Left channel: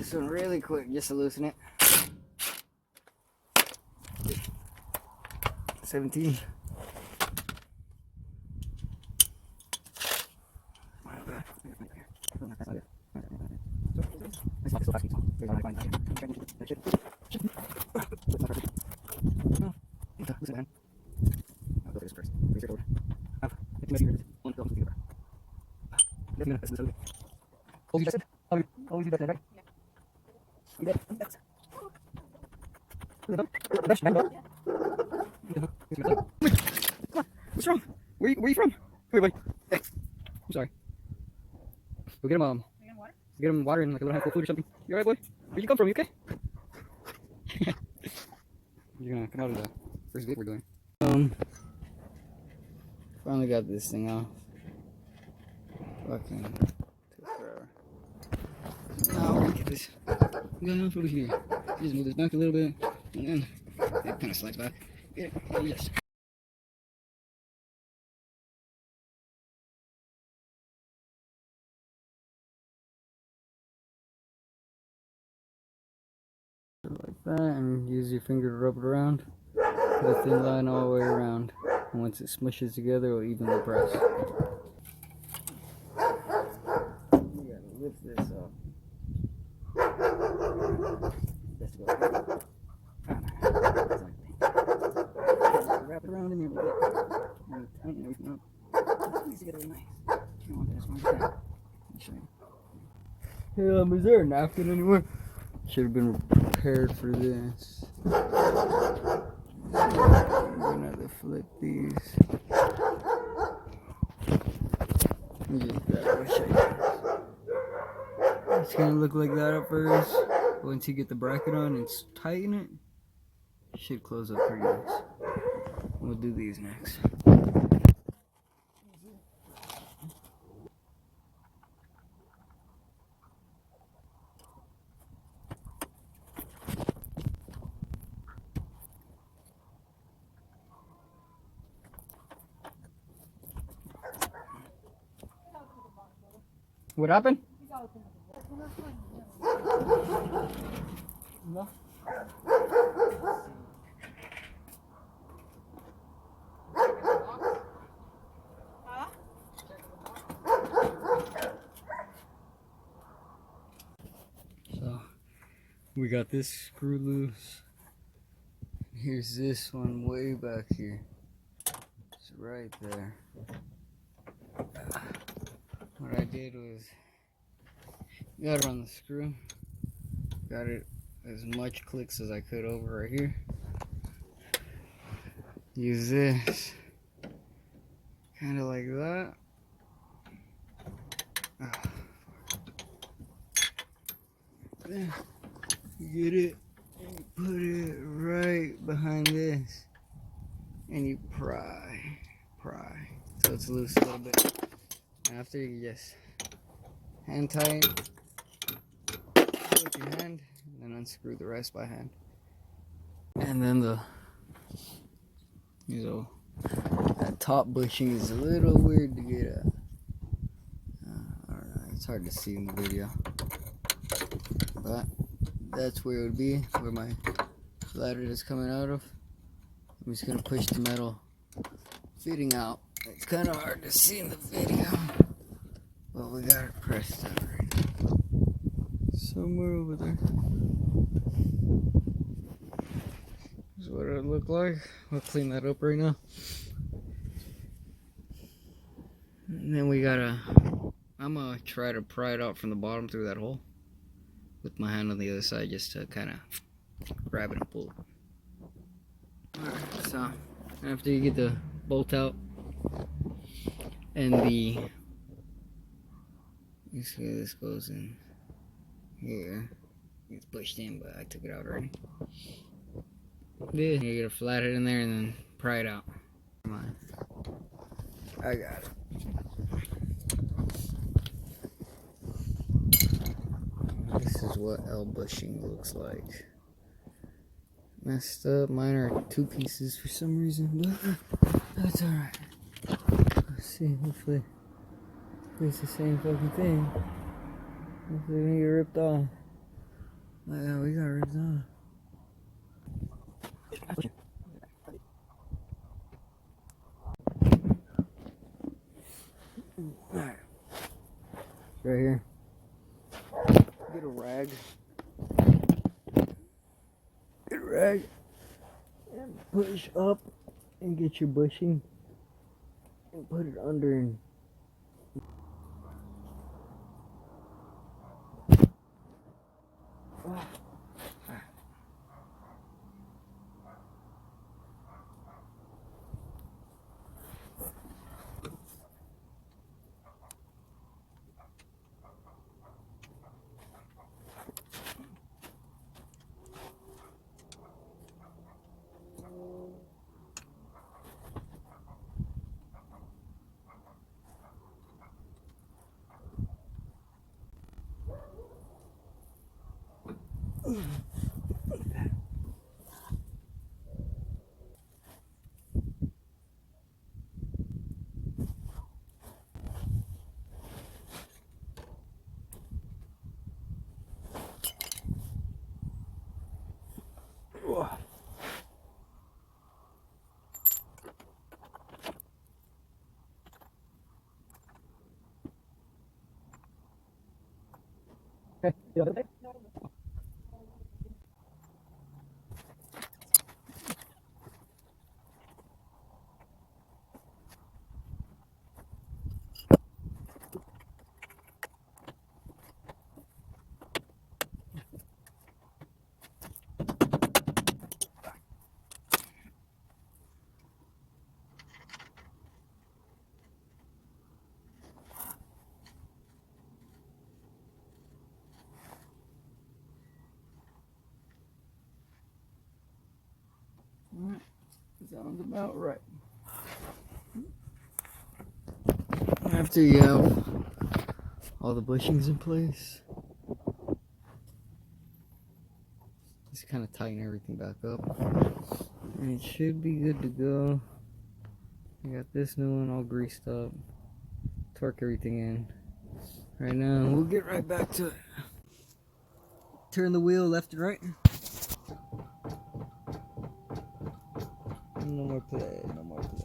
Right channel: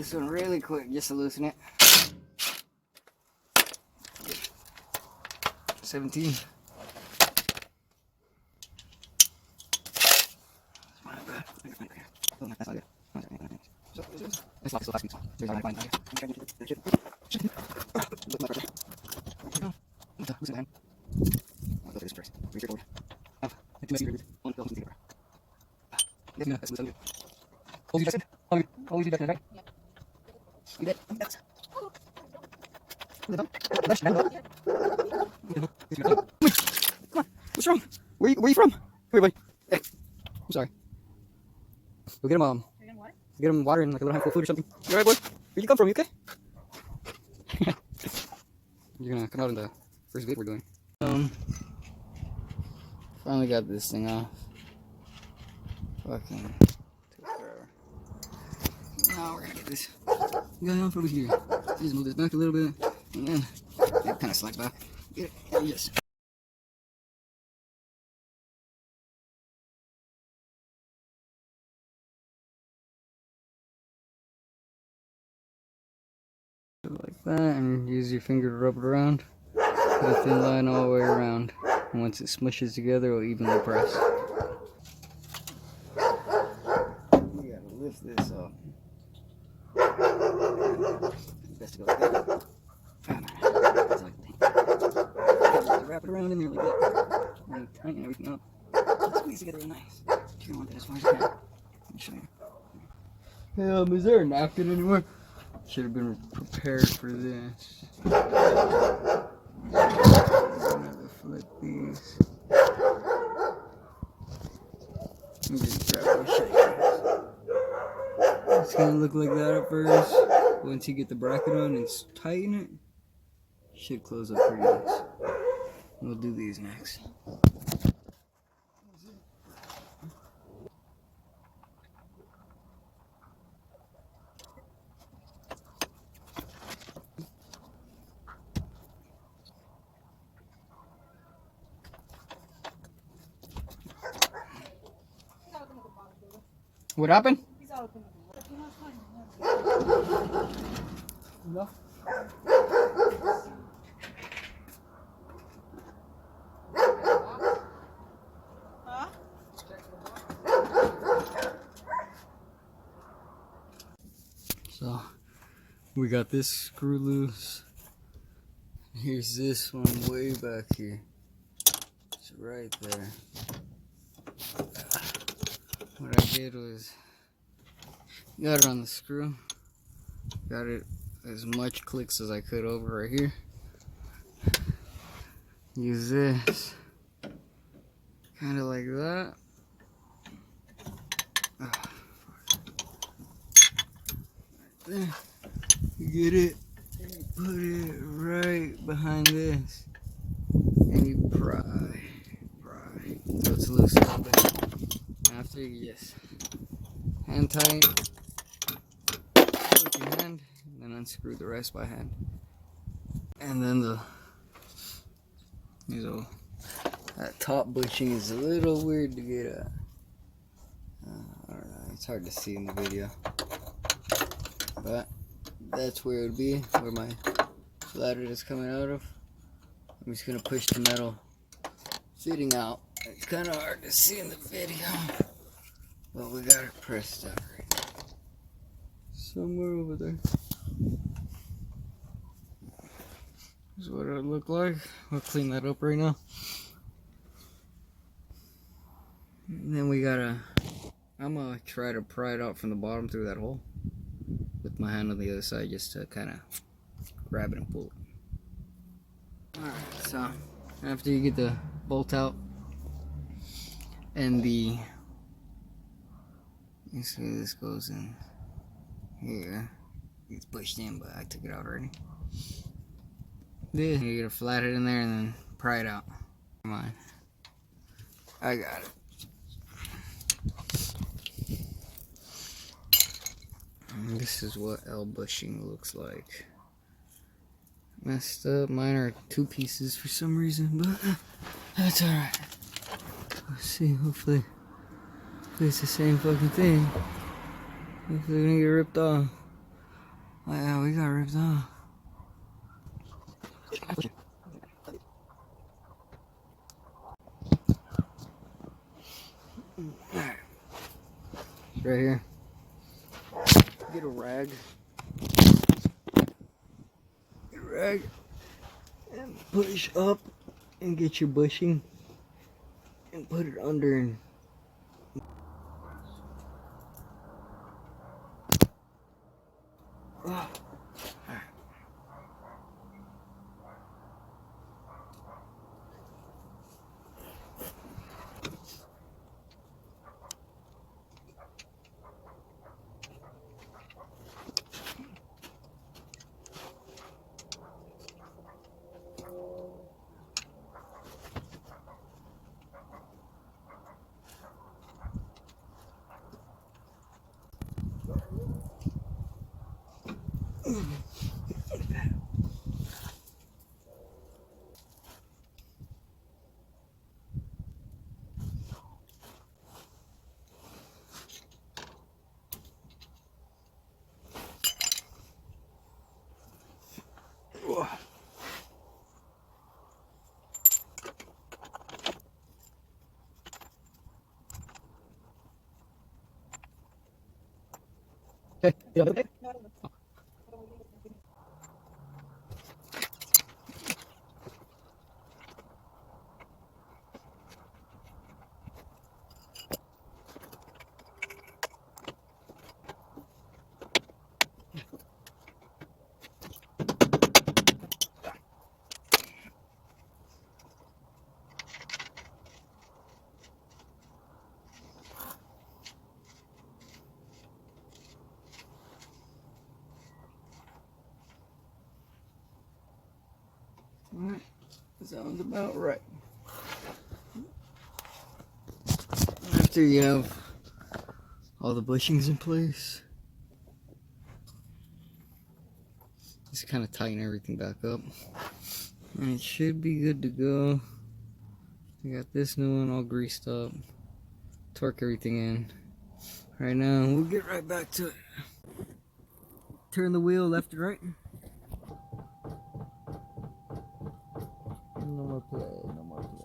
this one really quick just to loosen it. 17. What's wrong? Where you from? Come here, buddy. Hey, I'm sorry. Go get him get him water and like a little handful of food or something. You alright, boy? Where'd you come from? You okay? You're gonna come out in the first vid we're doing. Finally got this thing off. Fucking took forever. Now we're gonna get this guy off over here. Just move this back a little bit, and then it kind of slide back. Get it? Yes. Like that, and use your finger to rub it around. Put a thin line all the way around, and once it smushes together, it'll evenly press. You gotta lift this up. Best to go like that. That's like just wrap it around in there like that, and tighten everything up. And squeeze together nice. You want that as far as you can. Let me show you. Is there a napkin anywhere? Should have been prepared for this. I'm gonna have to flip these. And just grab a shape. It's gonna look like that at first. Once you get the bracket on and tighten it, should close up pretty nice. We'll do these next. What happened? No. So we got this screw loose. Here's this one way back here. It's right there. What I did was got it on the screw, got it as much clicks as I could over right here. Use this kind of like that. There, you get it, and you put it right behind this, and you pry, so it's loose a little bit. After you just hand tight with your hand, and then unscrew the rest by hand. And then that top bushing is a little weird to get at. I don't know, it's hard to see in the video, but that's where it would be, where my ladder is coming out of. I'm just gonna push the metal fitting out. It's kind of hard to see in the video, but we got it pressed up somewhere over there. This is what it would look like. I'll clean that up right now. And then I'm gonna try to pry it out from the bottom through that hole with my hand on the other side, just to kind of grab it and pull it. Alright, so after you get the bolt out, and you see this goes in here. It's pushed in, but I took it out already. Then you gotta flat it in there and then pry it out. Come on, I got it. This is what L bushing looks like. Messed up. Mine are 2 pieces for some reason, but that's alright. Let's see, hopefully it's the same fucking thing. Hopefully it didn't get ripped off. Oh yeah, we got ripped off. Alright. Right here. Get a rag. Get a rag. And push up and get your bushing. And put it under and oh. Okay. Alright, sounds about right. After you have all the bushings in place, just kind of tighten everything back up. And it should be good to go. I got this new one all greased up. Torque everything in. Right now, we'll get right back to it. Turn the wheel left and right. No more play, no more play.